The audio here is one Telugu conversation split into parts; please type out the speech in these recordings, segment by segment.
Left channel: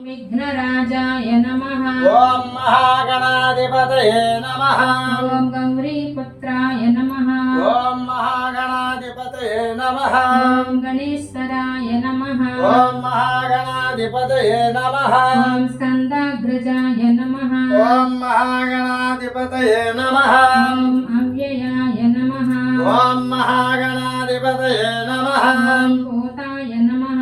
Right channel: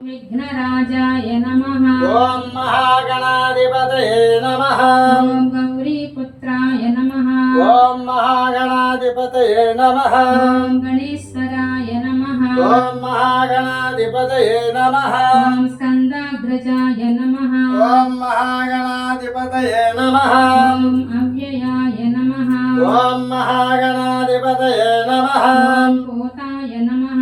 विघ्नराजाय नमः। ओम महागणाधिपतये नमः। ओम गौरीपुत्राय नमः। ओम महागणाधिपतये नमः। ओम गणेश्वराय नमः। ओम महागणाधिपतये नमः। ओम स्कंदाग्रजाय नमः। ओम महागणाधिपतये नमः। ओम अव्ययाय नमः। ओम महागणाधिपतये नमः। ओम पोताय नमः।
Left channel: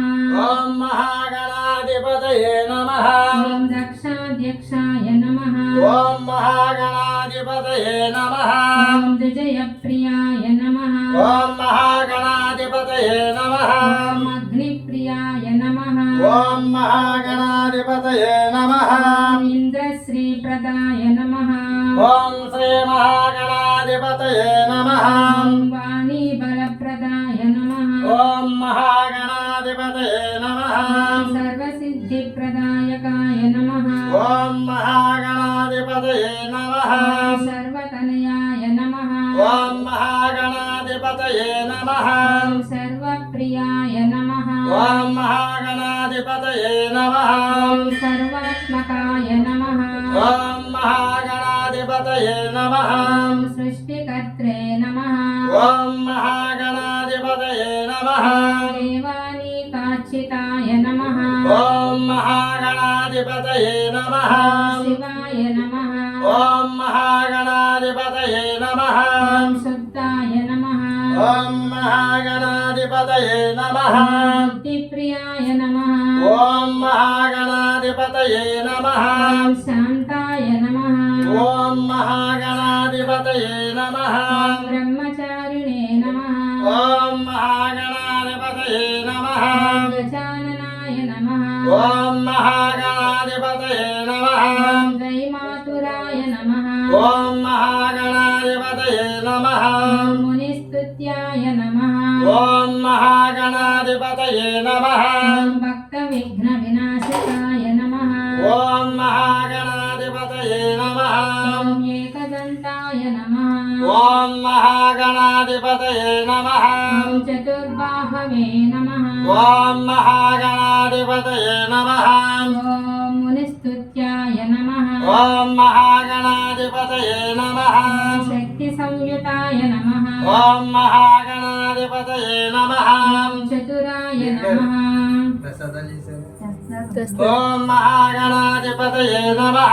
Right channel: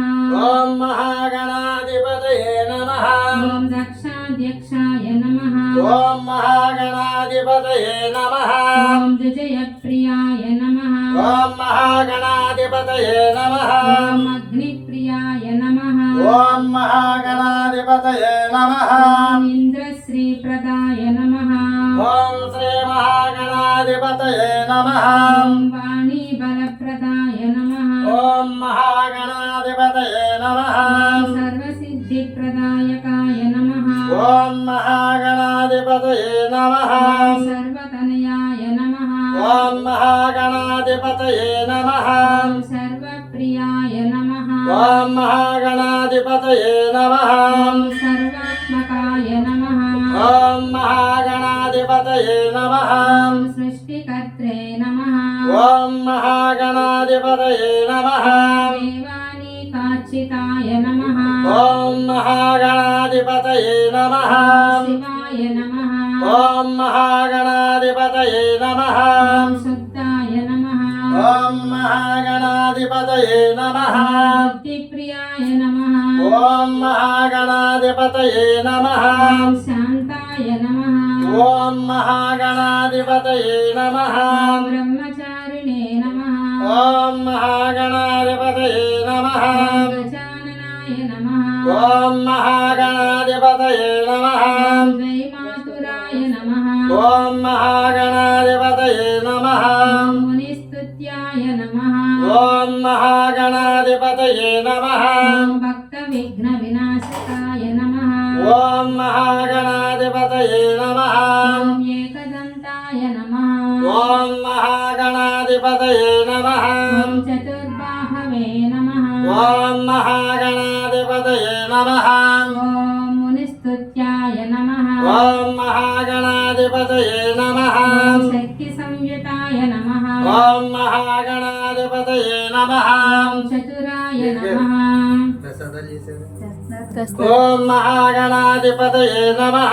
ओम महागणाधिपतये नमः। ओम दक्षाध्यक्षाय नमः। ओम महागणाधिपतये नमः। ओम विजयप्रियाय नमः। ओम महागणाधिपतये नमः। ओम अग्निप्रियाय नमः। ओम महागणाधिपतये नमः। ओम इंद्रश्रीप्रदाय नमः। ओम श्री महागणाधिपतये नमः। ओम वाणीबलप्रदाय नमः। ओम महागणाधिपतये नमः। ओम सर्वसिद्धिप्रदायकाय नमः। ओम महागणाधिपतये नमः। ओम सर्वतनयाय नमः। ओम महागणाधिपतये नमः। ओम सर्वप्रियाय नमः। ओम महागणाधिपतये नमः। ओम सर्वात्मकाय नमः। ओम महागणाधिपतये नमः। ओम सृष्टिकर्त्रे नमः। ओम महागणाधिपतये नमः। देवानीकार्चिताय नमः। ओम महागणाधिपतये नमः। शिवाय नमः। ओम महागणाधिपतये नमः। ओम शुद्धाय नमः। ओम महागणाधिपतये नमः। बुद्धिप्रियाय नमः। ओम महागणाधिपतये नमः। ओम शांताय नमः। ओम महागणाधिपतये नमः। ओम ब्रह्मचारिणे नमः। ओम महागणाधिपतये नमः। ओम गजाननाय नमः। ओम महागणाधिपतये नमः। ओम दैमातुराय नमः। ओम महागणाधिपतये नमः। ओम मुनिस्तुत्याय नमः। ओम महागणाधिपतये नमः। ओम भक्तविघ्नविनाशकाय नमः। ओम महागणाधिपतये नमः। ओम एकदन्ताय नमः। ओम महागणाधिपतये नमः। ओम चतुर्बाहवे नमः। ओम महागणाधिपतये नमः। ओम मुनिस्तुत्याय नमः। ओम महागणाधिपतये नमः। ओम शक्तिसंयुताय नमः। ओम महागणाधिपतये नमः। ओम चतुराय नमः। ओम महागणाधिपतये नमः।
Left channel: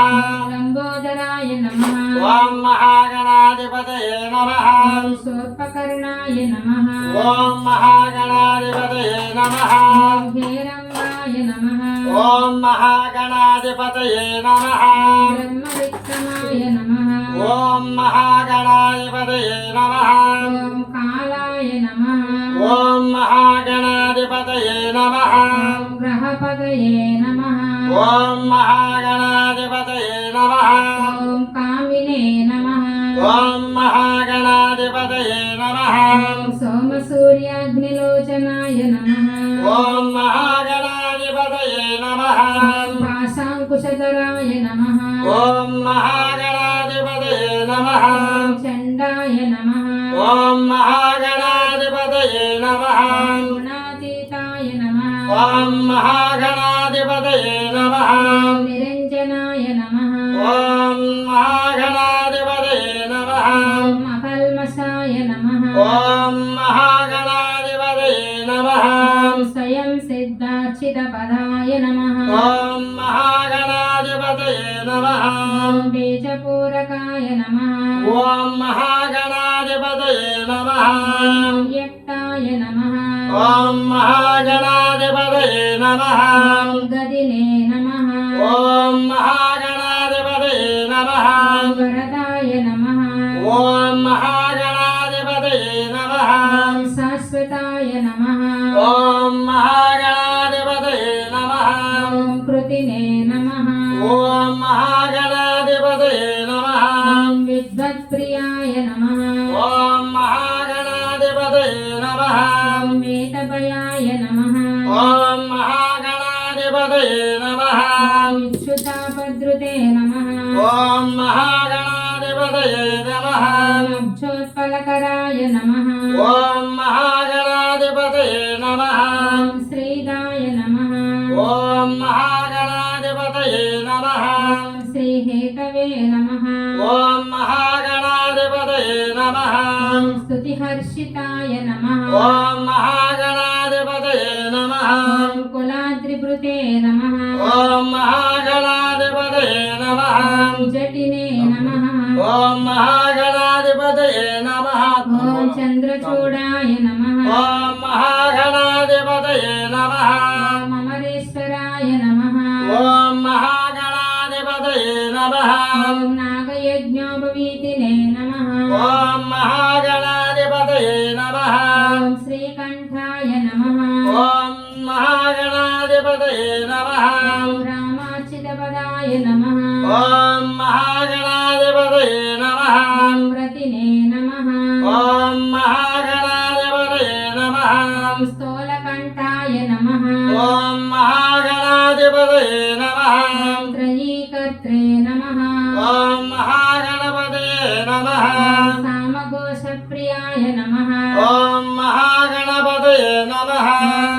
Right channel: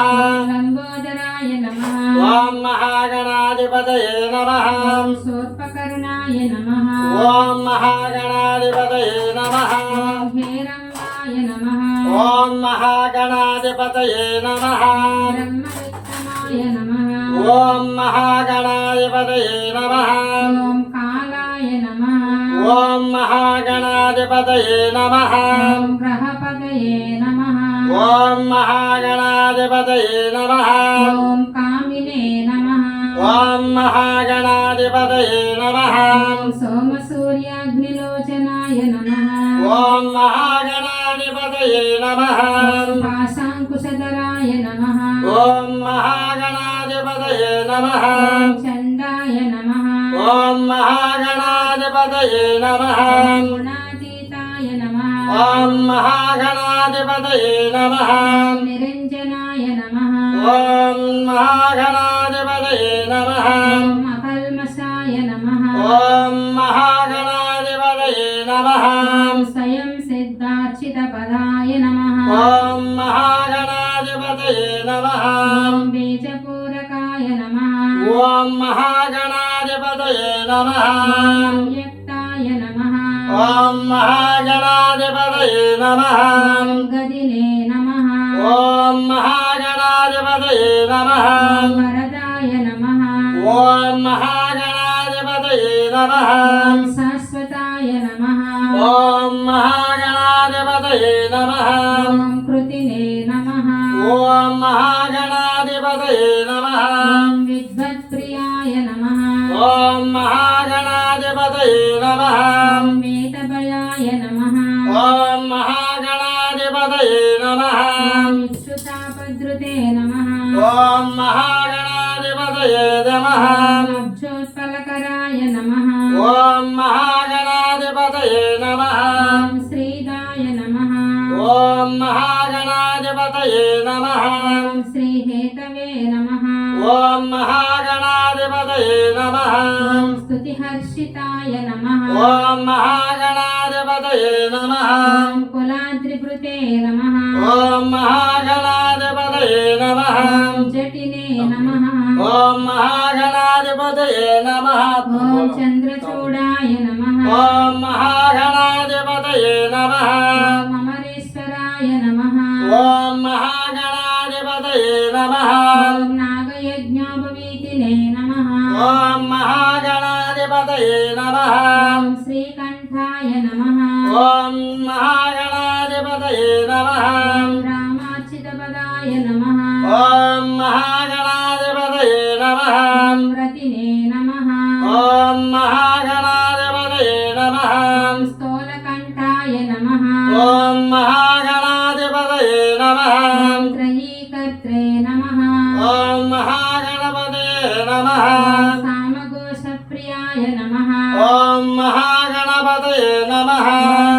लंबोदराय नमः। ओम महागणाधिपतये नमः। ओम शूर्पकर्णाय नमः। ओम महागणाधिपतये नमः। ओम हेरम्बाय नमः। ओम महागणाधिपतये नमः। ब्रह्मविक्रमाय नमः। ओम महागणाधिपतये नमः। ओम कालाय नमः। ओम महागणाधिपतये नमः। ओम ग्रहपदये नमः। ओम महागणाधिपतये नमः। ओम कामिने नमः। ओम महागणाधिपतये नमः। ओम सोमसूर्याग्निलोचनाय नमः। ओम महागणाधिपतये नमः। ओम पाशाङ्कुशधराय नमः। ओम महागणाधिपतये नमः। ओम चण्डाय नमः। ओम महागणाधिपतये नमः। ओम गुणातीताय नमः। ओम महागणाधिपतये नमः। ओम निरञ्जनाय नमः। ओम महागणाधिपतये नमः। ओम अकल्मषाय नमः। ओम महागणाधिपतये नमः। ओम स्वयं सिद्धार्चितपदाय नमः। ओम महागणाधिपतये नमः। ओम बीजपूरकाय नमः। ओम महागणाधिपतये नमः। ओम अव्यक्ताय नमः। ओम महागणाधिपतये नमः। ओम गदिने नमः। ओम महागणाधिपतये नमः। ओम वरदाय नमः। ओम महागणाधिपतये नमः। ओम शाश्वताय नमः। ओम महागणाधिपतये नमः। ओम कृतिने नमः। ओम महागणाधिपतये नमः। ओम विद्वत्प्रियाय नमः। ओम महागणाधिपतये नमः। ओम मेटभयाय नमः। ओम महागणाधिपतये नमः। ओम इक्षुतापद्रुते नमः। ओम महागणाधिपतये नमः। ओम अब्जोत्पलकराय नमः। ओम महागणाधिपतये नमः। ओम श्रीदाय नमः। ओम महागणाधिपतये वीक्षिताय नमः ఓం మహాగణాధిపతయే నమః ॐ कुलाद्रिभृते नमः ఓం మహాగణాధిపతయే నమః ॐ जटिने नमः ఓం మహాగణాధిపతయే నమః ॐ चन्द्रचूडाय नमः ఓం మహాగణాధిపతయే నమః ॐ अमरेश्वराय नमः ఓం మహాగణాధిపతయే నమః ॐ नागयज्ञोपवीतिने नमः ఓం మహాగణాధిపతయే నమః ॐ श्रीकण्ठाय नमः ఓం మహాగణాధిపతయే నమః ॐ रामार्चितपदाय नमः ఓం మహాగణాధిపతయే నమః ॐ रतिने नमः ఓం మహాగణాధిపతయే నమః ॐ स्थूलकण्ठाय नमः ఓం మహాగణాధిపతయే నమః ॐ त्रयीकर्त्रे नमः ఓం మహాగణపతయే నమః ॐ सामघोषप्रियाय नमः ఓం మహాగణపతయే నమః ॐ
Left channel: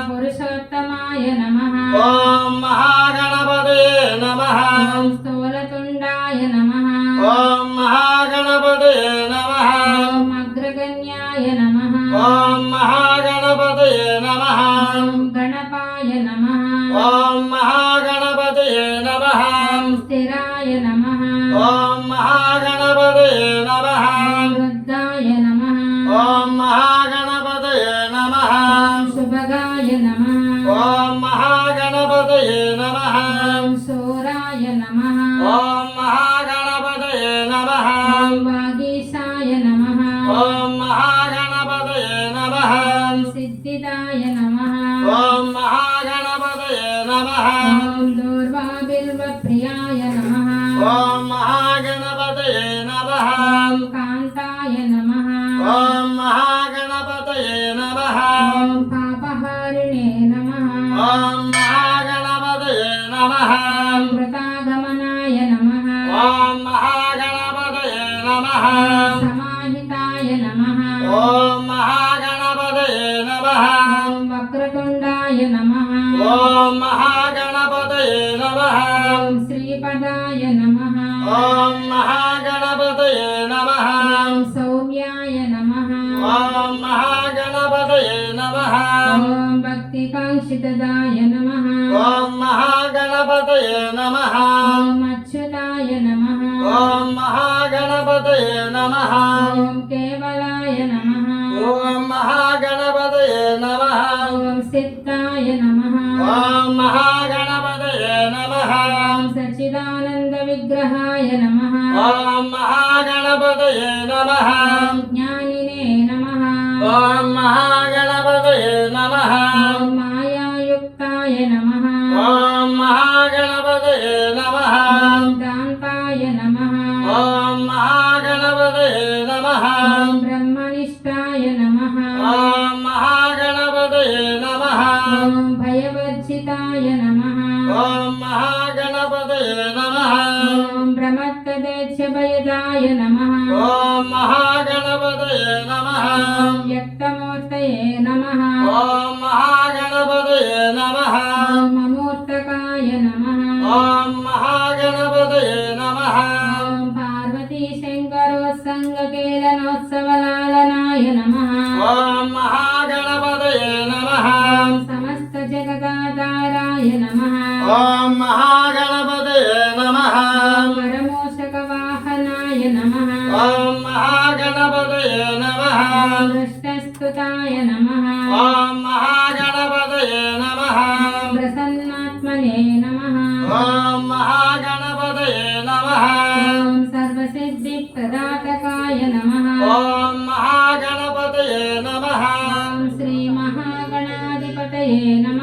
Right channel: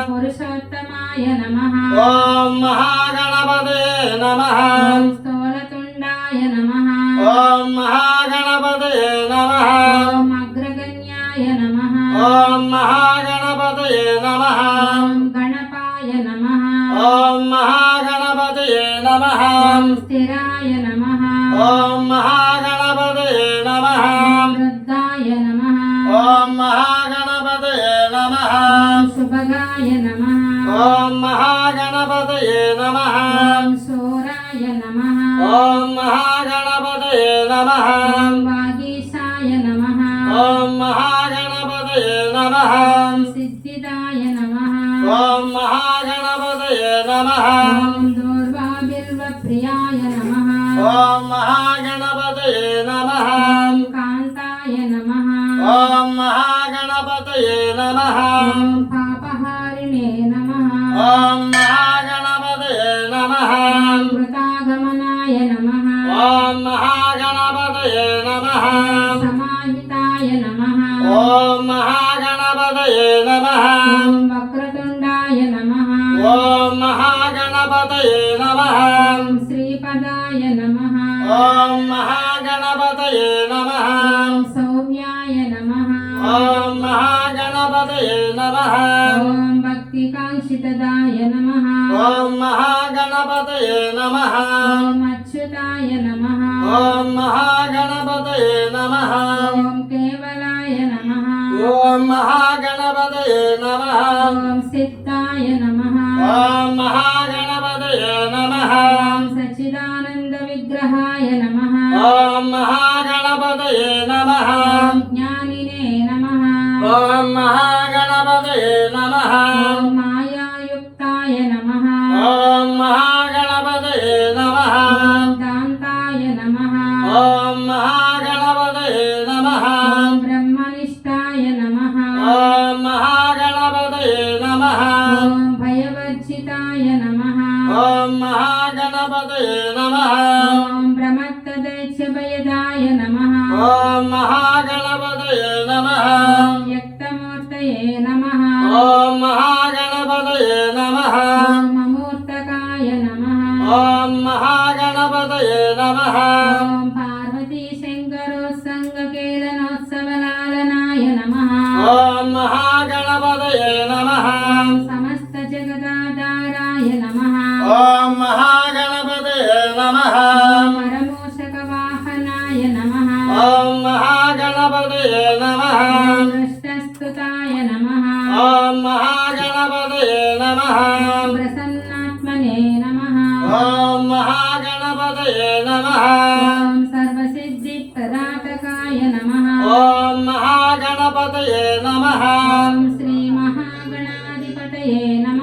पुरुषोत्तमाय नमः ఓం మహాగణపతయే నమః ॐ स्थूलतुण्डाय नमः ఓం మహాగణపతయే నమః ॐ अग्रगण्याय नमः ఓం మహాగణపతయే నమః ॐ गणपाय नमः ఓం మహాగణపతయే నమః ॐ स्थिराय नमः ఓం మహాగణపతయే నమః ॐ रुद्राय नमः ఓం మహాగణపతయే నమః ॐ शुभगाय नमः ఓం మహాగణపతయే నమః ॐ शूराय नमः ఓం మహాగణపతయే నమః ॐ वागीशाय नमः ఓం మహాగణపతయే నమః ॐ सिद्धिदाय नमः ఓం మహాగణపతయే నమః ॐ दूर्वाभिर्वप्रियाय नमः ఓం మహాగణపతయే నమః ॐ कान्ताय नमः ఓం మహాగణపతయే నమః ॐ पापहारिणे नमः ఓం మహాగణపతయే నమః ॐ वृतागमनाय नमः ఓం మహాగణపతయే నమః समाहिताय नमः ఓం మహాగణపతయే నమః ॐ वक्रतुण्डाय नमः ఓం మహాగణపతయే నమః ॐ श्रीपदाय नमः ఓం మహాగణపతయే నమః ॐ सौम्याय नमः ఓం మహాగణపతయే నమః ॐ भक्तिकाङ्क्षितदाय नमः ఓం మహాగణపతయే నమః ॐ अच्युताय नमः ఓం మహాగణపతయే నమః ॐ केवलाय नमः ఓం మహాగణపతయే నమః ॐ सिद्धाय नमः ఓం మహాగణపతయే నమః ॐ सच्चिदानन्दविग्रहाय नमः ఓం మహాగణపతయే నమః ॐ ज्ञानिने नमः ఓం మహాగణపతయే నమః ॐ मायायुक्ताय नमः ఓం మహాగణపతయే నమః ॐ दान्ताय नमः ఓం మహాగణపతయే నమః ॐ ब्रह्मनिष्ठाय नमः ఓం మహాగణపతయే నమః ॐ भयवर्जिताय नमः ఓం మహాగణపతయే నమః ॐ प्रमत्तदैत्यभयदाय नमः ఓం మహాగణపతయే నమః ॐ व्यक्तमूर्तये नमः ఓం మహాగణపతయే నమః ॐ अमूर्तकाय नमः ఓం మహాగణపతయే నమః ॐ पार्वतीशङ्करोत्सङ्गकेलनोत्सवलालनाय नमः ఓం మహాగణపతయే నమః ॐ समस्तजगदाधाराय नमः ఓం మహాగణపతయే నమః परमोषकवाहनाय नमः ఓం మహాగణపతయే నమః दृष्टस्तुताय नमः ఓం మహాగణపతయే నమః प्रसन्नात्मने नमः ఓం మహాగణపతయే నమః ॐ सर्वसिद्धिप्रदातकाय नमः ఓం మహాగణపతయే నమః ॐ श्रीमहागणाधिपतये नमः